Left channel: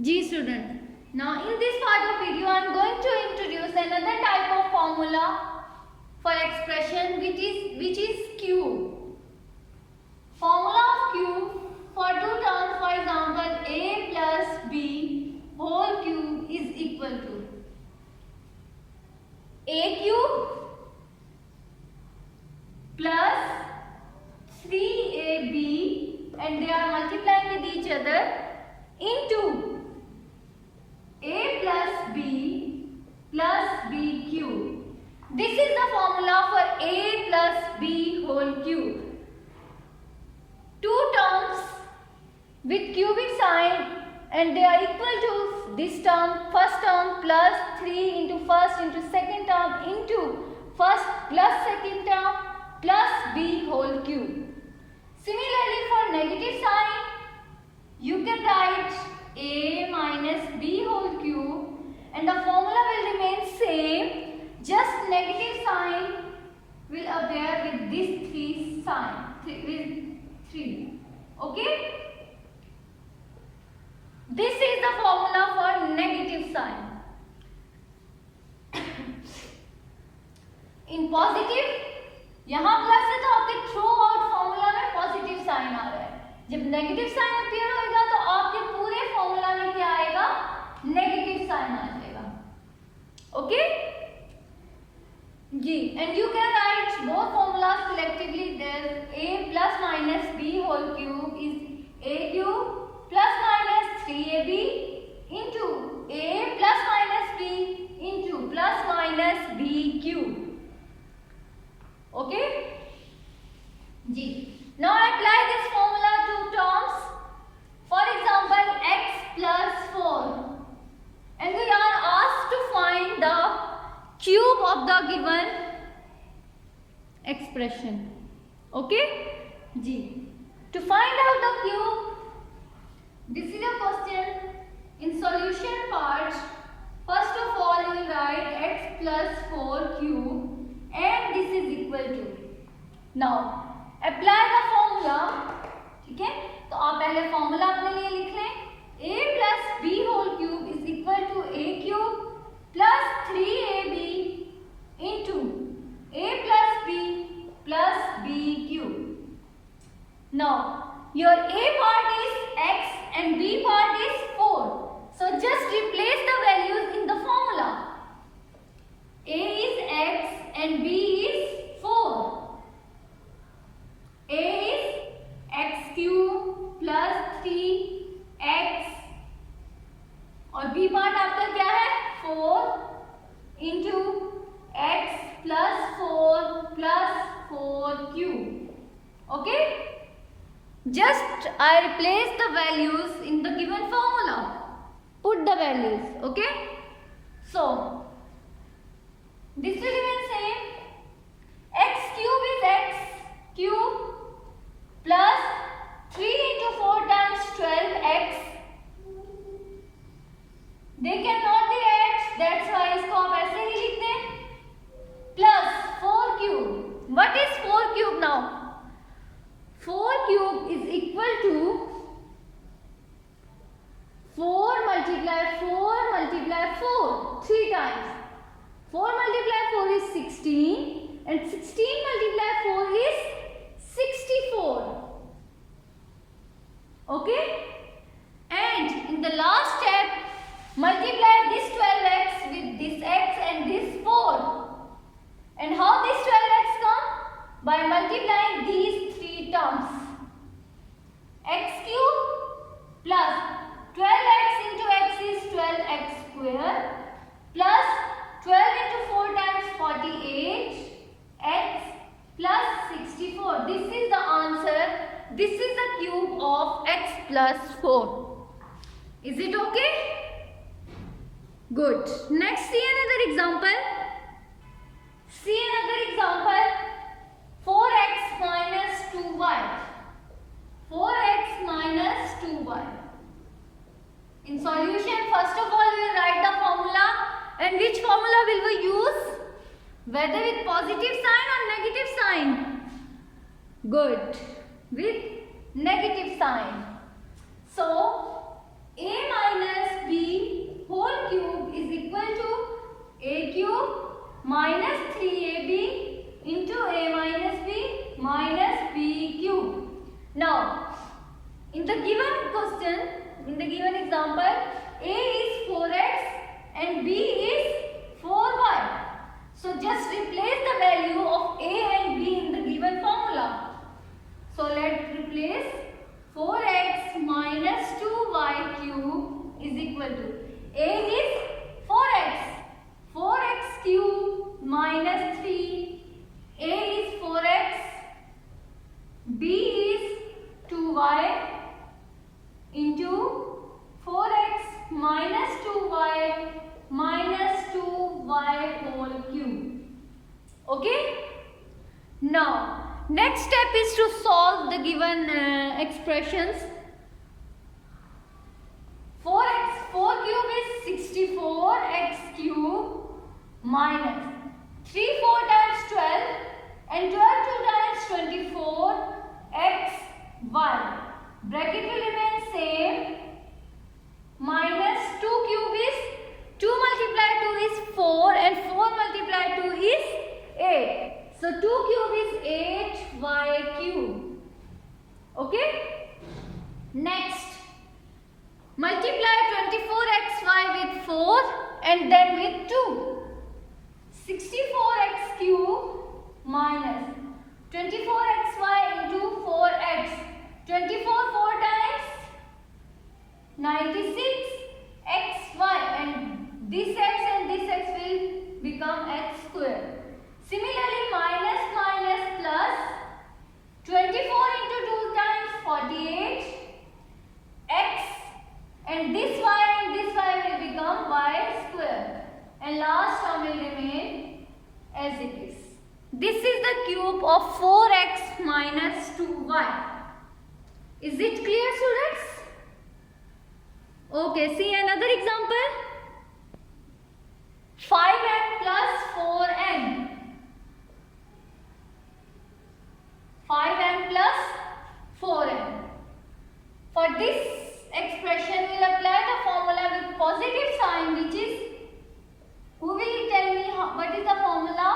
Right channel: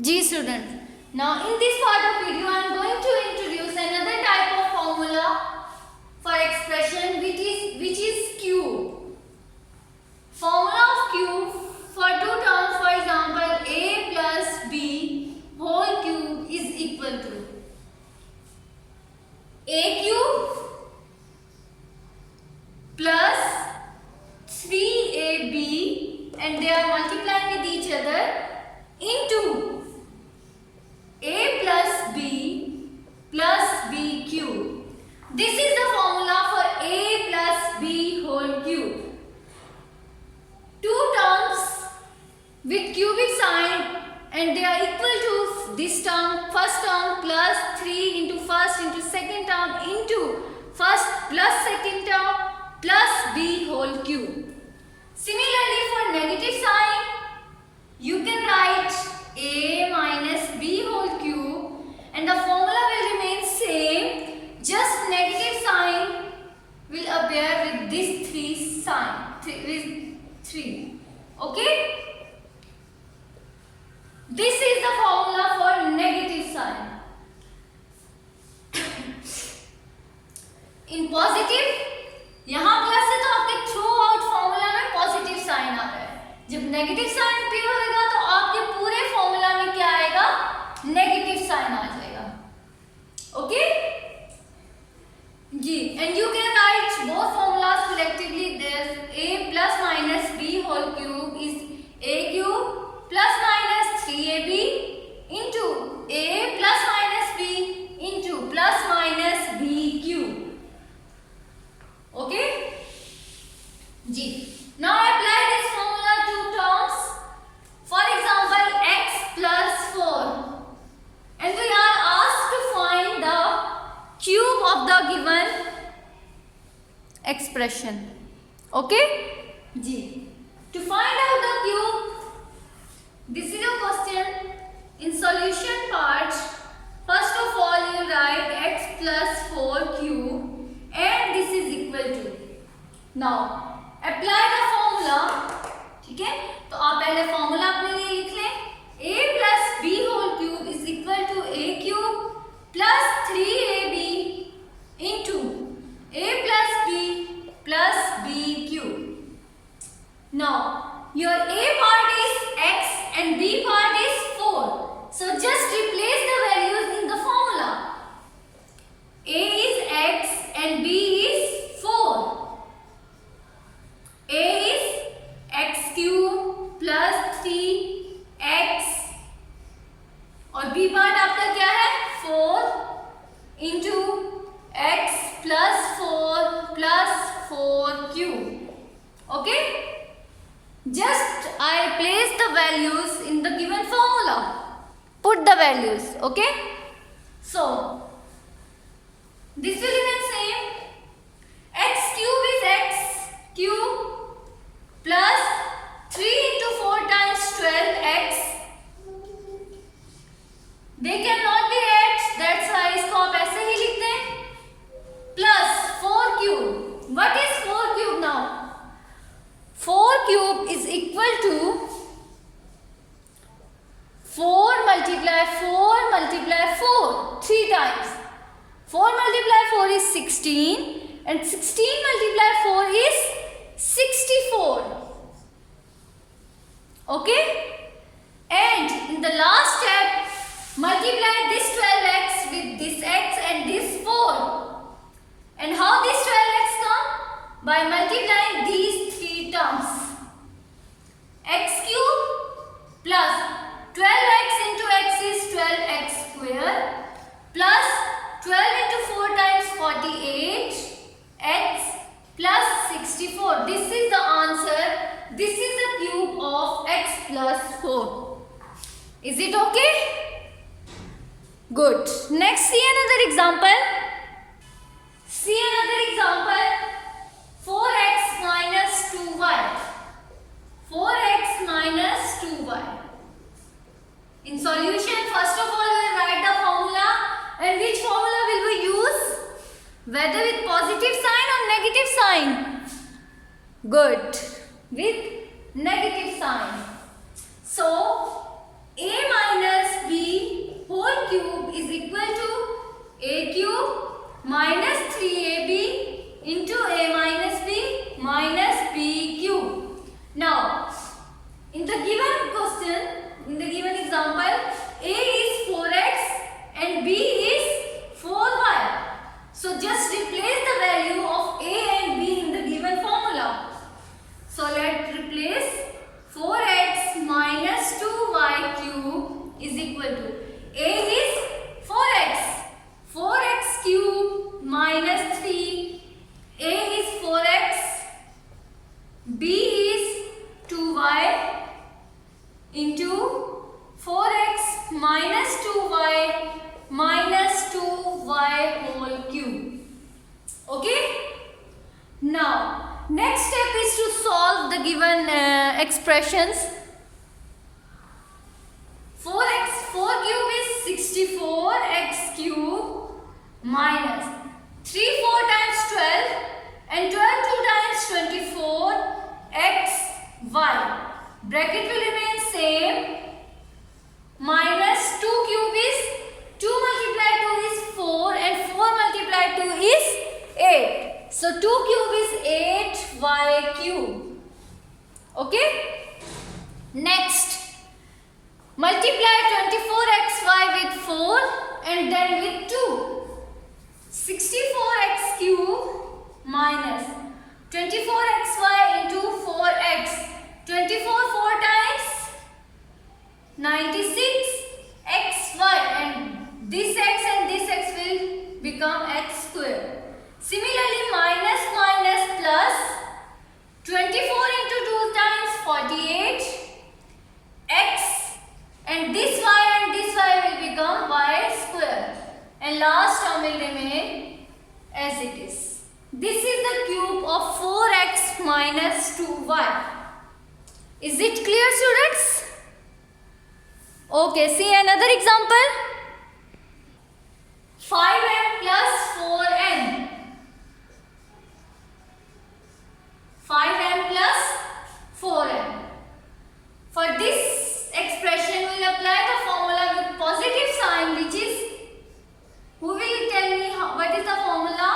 G students. Now in this part of video I am going to introduce another type of formula for expression which is Q. Formula of Q for two terms, for example A plus B whole cube is equal to A cube plus 3AB and they are multiplying with each other into A plus B plus B cube. This is the formula for A plus B whole cube. Two terms with cubic sign and they are equal to this term, first term plus 3 into first into second term into first plus second term plus B whole cube. Similarly for negative sign, you can write A minus B whole cube and the formula will remain same, just negative sign will appear with this 3 sign, with 3. Okay? This is the formula for negative sign. In positive, यहाँ plus है तो आपके through out formula में positive sign आ रहा है. जब negative sign appear होगा तो आपके पूरे फॉर्मूला में क्या आएगा? नेगेटिव साइन आ जाएगा. ओके जी. And you can write both formulas collectively. There's a plus minus b whole cube is a cube plus minus 3ab into a plus minus b into plus minus b cube. Okay जी. Now I apply this formula to terms. For example x plus 4 and we are asked to find the cube of the given expression. Okay जी. To find out the cube, this is a question. In solution part, first of all you write x plus 4 cube and this is equal to. Now apply the formula. ठीक है, तो आप पहले formula अपने लिए लिख लें. a plus b whole cube is equal to a cube plus 3ab into a plus b plus b cube. Now your a part is x and b part is 4. So just replace the values in the formula. A is x and b is 4. A is x cube plus 3x और b part आपका क्या है? 4 into x plus 4 plus 4 cube. Okay? Just I replace the values in the given formula. Put the values. Okay? So this will remain same. X cube is x cube plus 3 into 4 times 12x. They cannot be x, that's why इसको आप ऐसे ही लिखते हैं. Plus 4 cube. What is 4 cube now? 4 cube is equal to 4 multiply 4 multiply 4 3 times. 4 multiply 4 is 16 and 16 multiply 4 is 64. Okay? And in the last step, multiply this 12x with this x and this 4. And how this 12x come? By multiplying these three terms. X cube plus 12x into x is 12x square plus 12 into 4 times 48 x plus 64. This is the answer. This is the cube of x plus 4. Is it okay? Good. Next, see another example. See another example. 4x minus 2y. 4x minus 2y. In solution, first of all, we will write the formula. And which formula will we use? Whether with positive sign or negative sign? Good. With negative sign. So, a minus cube is equal to A is 4x. 4x cube minus 3. A is 4x. B is 2y into 4x minus 2y minus 2y whole cube. Okay? Now, next step is to solve the given expressions. 4 cube is 64x cube minus 3 4 times 12 and 12 2 times 24 x y. Bracket will remain same. Minus 2 cube is 2 multiplied 2 is 4 and 4 multiplied 2 is 8. So 2 cube is 8y cube. Okay. Next, multiply 24xy with 4 and then with 2. 64x cube minus 24xy into 4x. 24 4 times 96 xy, and this x and this x will become x square. Similarly, minus minus plus 24 into 2 times 48 x, and this y will become y square, and last term will remain as it is. This is the cube of 4x minus 2y. Is it clear, students? Okay, see another example. 5n plus 4n. 5n plus 4n. For this expression, we will apply the formula with positive sign, which is, who will tell me what is the formula?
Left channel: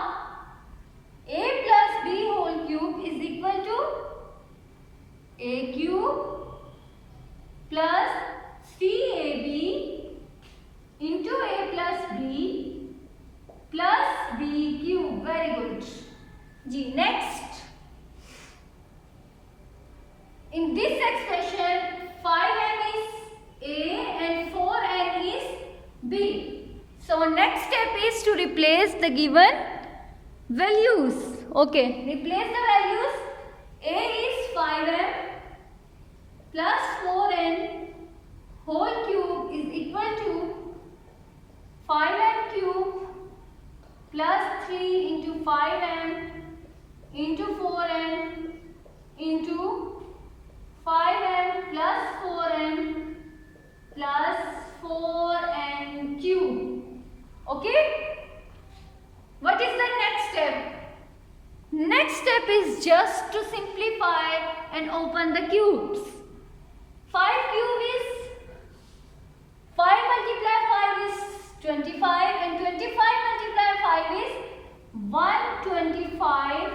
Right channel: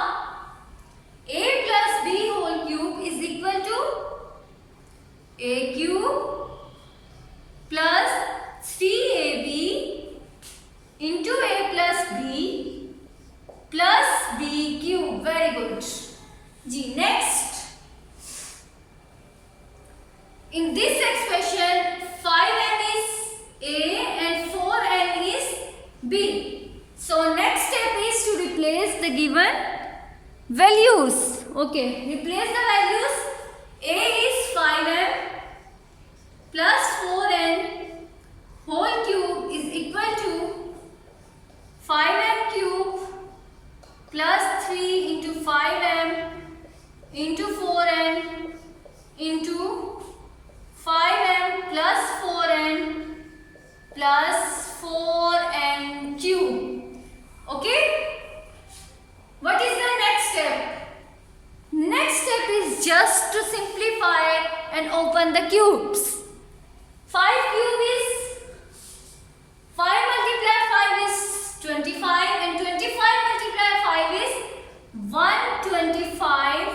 A plus b whole cube is equal to a cube plus 3ab into a plus b plus b cube. Very good. G. Next, in this expression 5n is a and 4n is b. So next step is to replace the given values. Okay, replace the values. A is 5n plus 4n whole cube is equal to 5n cube plus 3 into 5m into 4n into 5m plus 4n plus 4n cube. Okay? What is the next step? Next step is just to simplify and open the cubes. 5 cube is 5 multiply 5 is 25 and 25 multiply 5 is 125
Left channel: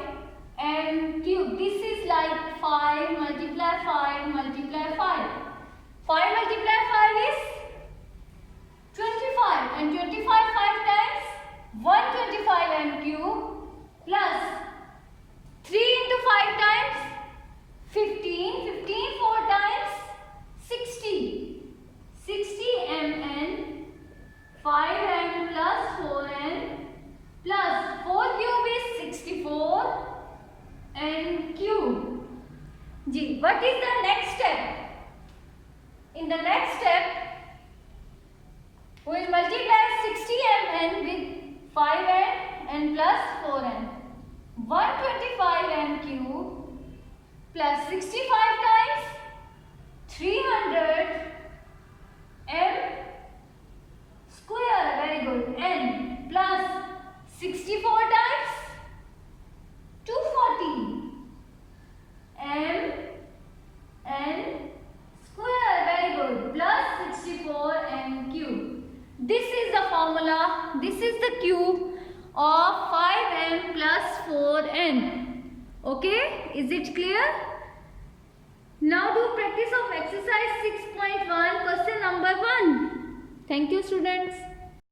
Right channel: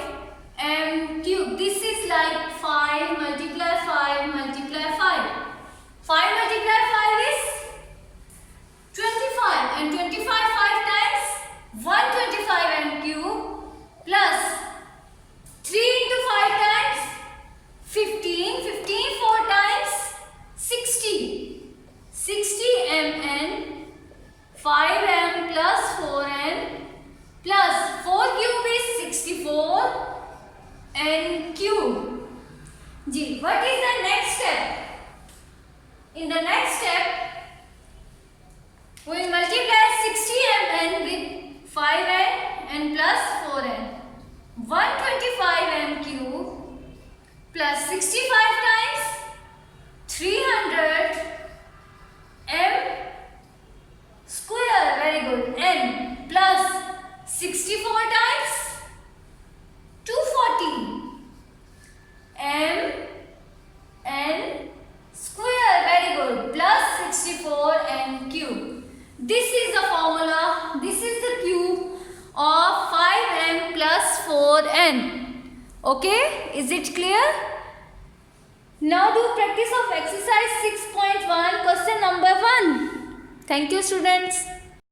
m cube. This is like 5 multiply 5 multiply 5. 5 multiply 5 is 25 and 25 5 times 125 m cube plus 3 into 5 times 15. 15 4 times 60. 60 mn 5m plus 4n plus 4 cube is 64 n cube. G. What is the next step? In the next step, we will multiply 60 mn with 5n and plus 4n. 125 m cube plus 65 times 300 m square. Very good. N plus 64 times 240 m n square. Very good. Plus 64 n cube. This is the formula. This is the cube of 5n plus 4n. Okay? Is it clear? Now do practice of exercise 6.1 question number 1. Thank you, students.